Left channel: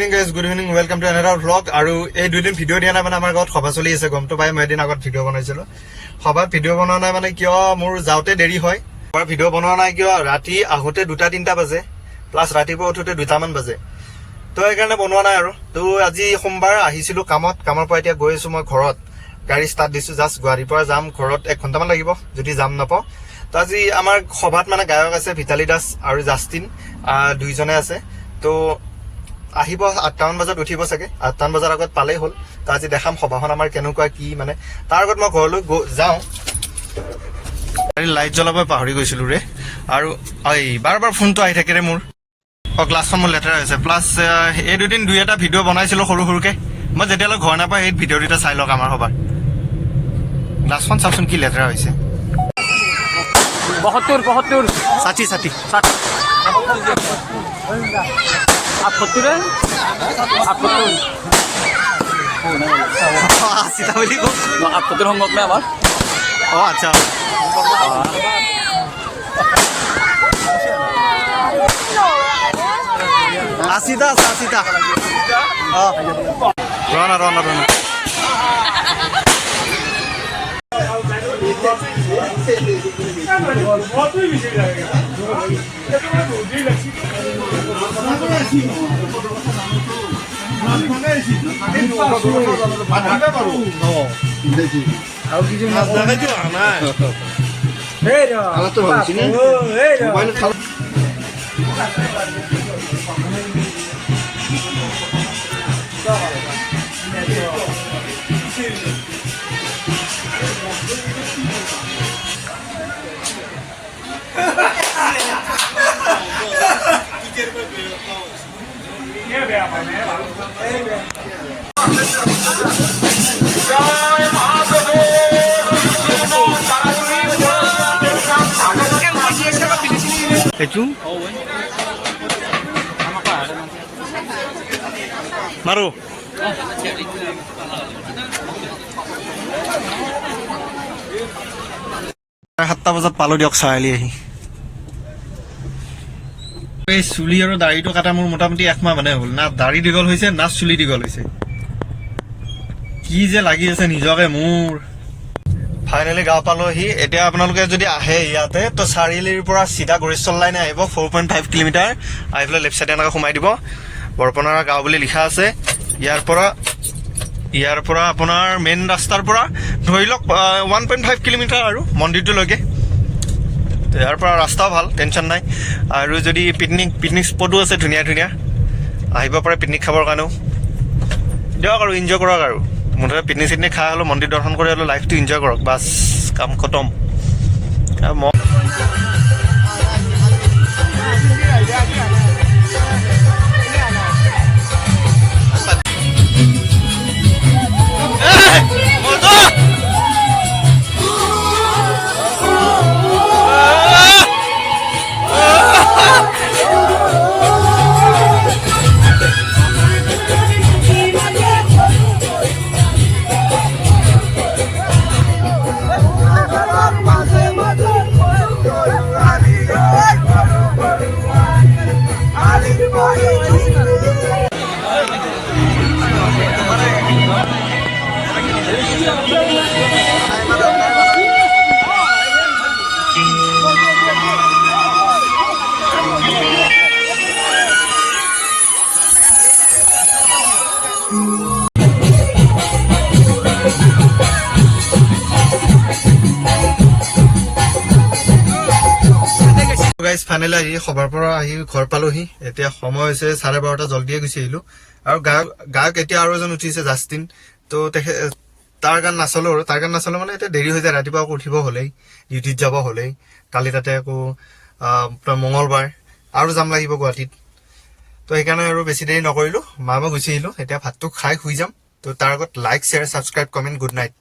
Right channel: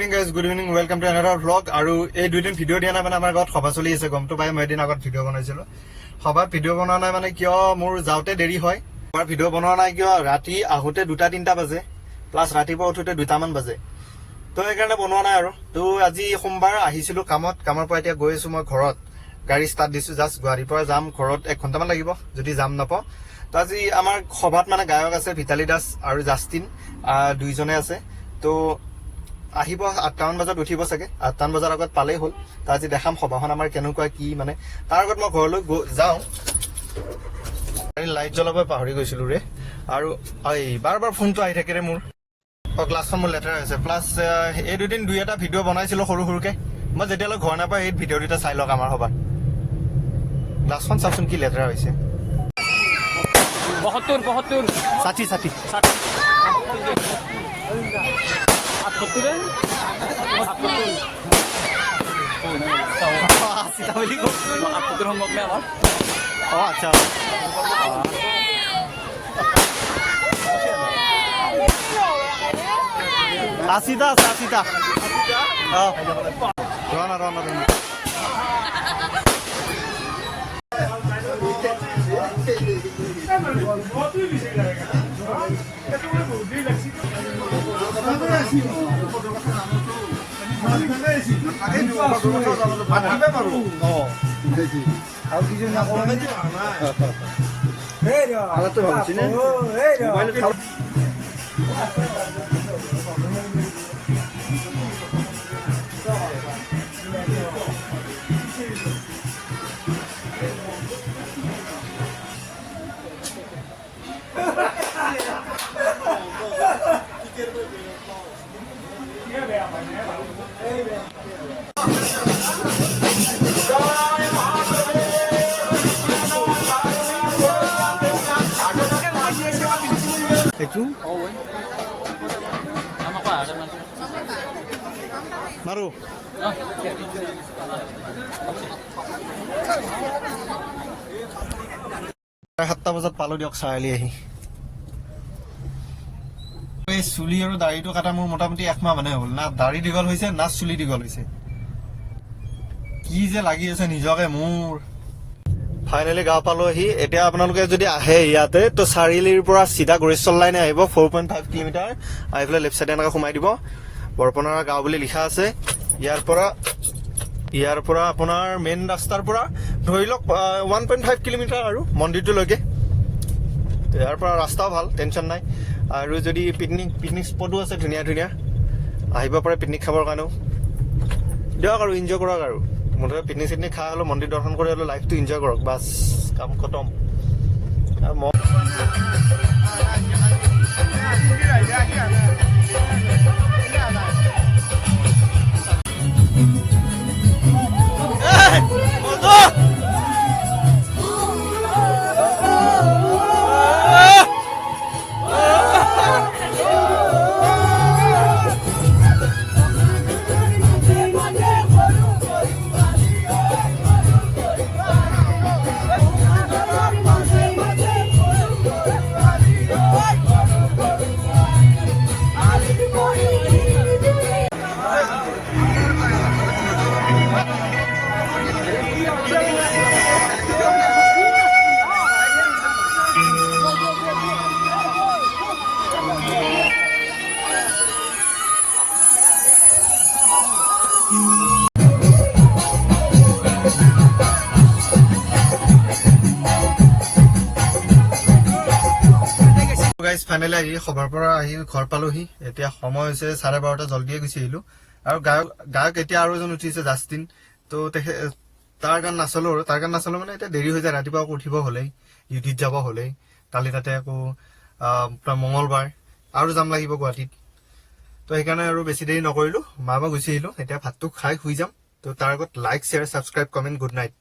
Evening guys, good evening, welcome to another vlog. আৰু এই দুদিন ভিডিঅ' দিয়া নাই মানে আমাৰ ঘৰত সভা চলি আছে, গমটো পাই। মই এদিন আগত ভিডিঅ' বনাইছিলোঁ। সভাত ভিডিঅ' বনোৱা নাই মানে কিয় মোৰ যাওঁতে দেৰি হয়। আমাৰ ভিডিঅ' বনোৱা নাই কিয় ৰাতি আহোঁতে 2-3 বাজে, প্লাছ ৰাতিপুৱা উঠোতে 2টামান বাজে। তো সেইকাৰণে বনোৱা নাই আৰু। তো আজি সোমবাৰ আহিছিলোঁ কামৰ পৰা এতিয়া গৈ আছোঁ মই ঘৰত। গাড়ী ষ্টাৰ্ট দিছোঁ, জাষ্ট গুৱাহাটীৰ পৰা যাম ঘৰত 1 ঘণ্টামান লাগিব যদি যাম নাপাওঁ। তো আজি আমাৰ সভাত মানে গায়ক আছে, ভিতালী দাস আৰু জাষ্টিন, দুইজনে আছে। তো আহিব 8টামান বজাত উঠিব চাগে, 8টামান বজাৰ আগত পালেই হ'ল। তো আজি দেখাম সভাখন আমাৰ কেনেকুৱা কি মানে। তাৰ আগত মই ঘৰলৈ যাওঁ। লাইট জ্বলাব পাহৰি গৈছিলোঁ ৰে, আৰু এই বাৰ ফোনটো আহি থাকে ৰে মোৰ। গ্লাছখন মোৰ লেতেৰা হৈছে, প্লাছ এই দুদিন 2-এটা ভিডিঅ' বনাইছিলোঁ সৰু সৰুকৈ। মই যেতিয়ালৈ ঘৰ নাপাওঁ সেই ভিডিঅ' দুটা চাই লওক আমাৰ সভাত। গ্লাছখন চাওকচোন কি লেতেৰা হৈছে। 72 ষাঠি সংগত নে আমাৰ? অঁ আচ্ছা, আশীটা আছে, 80টা। অঁ ৰনা এইটো মাৰো। 7টা বজাত পালোঁ দিয়ক চাৰিআলি আহি। এই চুলি আৰু দাড়িটো কাটা মোৰ মোটামুটি 1 মাহ মানে হ'ল। না দাড়ি দীঘল হৈছে না চুলি দীঘল হৈছে। কি যে লাগি আছে নিজকে মোৰ। ফাইনেলি গাঁও পালোহি। এতিয়া আপোনালোকে যদি আহে ইয়াতে তো চাৰিআলিৰ পৰা চিধা গৰিষ্ঠল লাইনে আহিব, 4.5 কিলোমিটাৰ আহি পেলাই লেফ্ট চাইডে এনেকৈ সোমাই দিব। বৰপনাৰা গাঁও বুলি লিখা আছে। ইয়াৰ পৰা আপোনাৰ মেইন ৰাস্তাৰ পৰা ধৰি লওক 1.5 কিলোমিটাৰ আৰু মন্দিৰটোলৈকে। ইয়াৰ পৰা ৰাস্তাও ভাল, টেনশ্যন নাই। আৰু যদি পিকনিক স্পটো আছে ধুনীয়া আহিব পাৰে পিকনিক খাবৰ কাৰণেও। দিয়ক আৰু এনজয় কৰক আৰু। মুঠতে পিকনিক খাই হ'লেও মন্দিৰ দৰ্শন কৰি হ'লেও লাইফটো এনজয় কৰক, বাছ কাম খতম। গাইজ ফাইনেলি আহি সভাৰ পৰা আহি ঘৰ পালোহি। এতিয়া সময় হৈছে 12:30, জলদিয়ে গুচি আহিলোঁ। আৰু গায়ক এতিয়া আৰু এজন উঠিছে, জাষ্টিন। তো তাৰ গান নাচালোঁ মানে এতিয়া দেৰি হৈ যায়। ৰাতিপুৱা আকৌ উঠিব হ'লেই, ডিউটিত যাব হ'লেই। কালি তাতে আকৌ মঙলবাৰ আৰু যাম লাগিব গুৱাহাটীত। তো সেইকাৰণে আৰু বেছি দেৰি নকৰিলোঁ, মই গুচি আহিলোঁ। এতিয়া ভাতটো খাই শুই যাম। তো তাৰ আগত like, share, subscribe, comment, good night.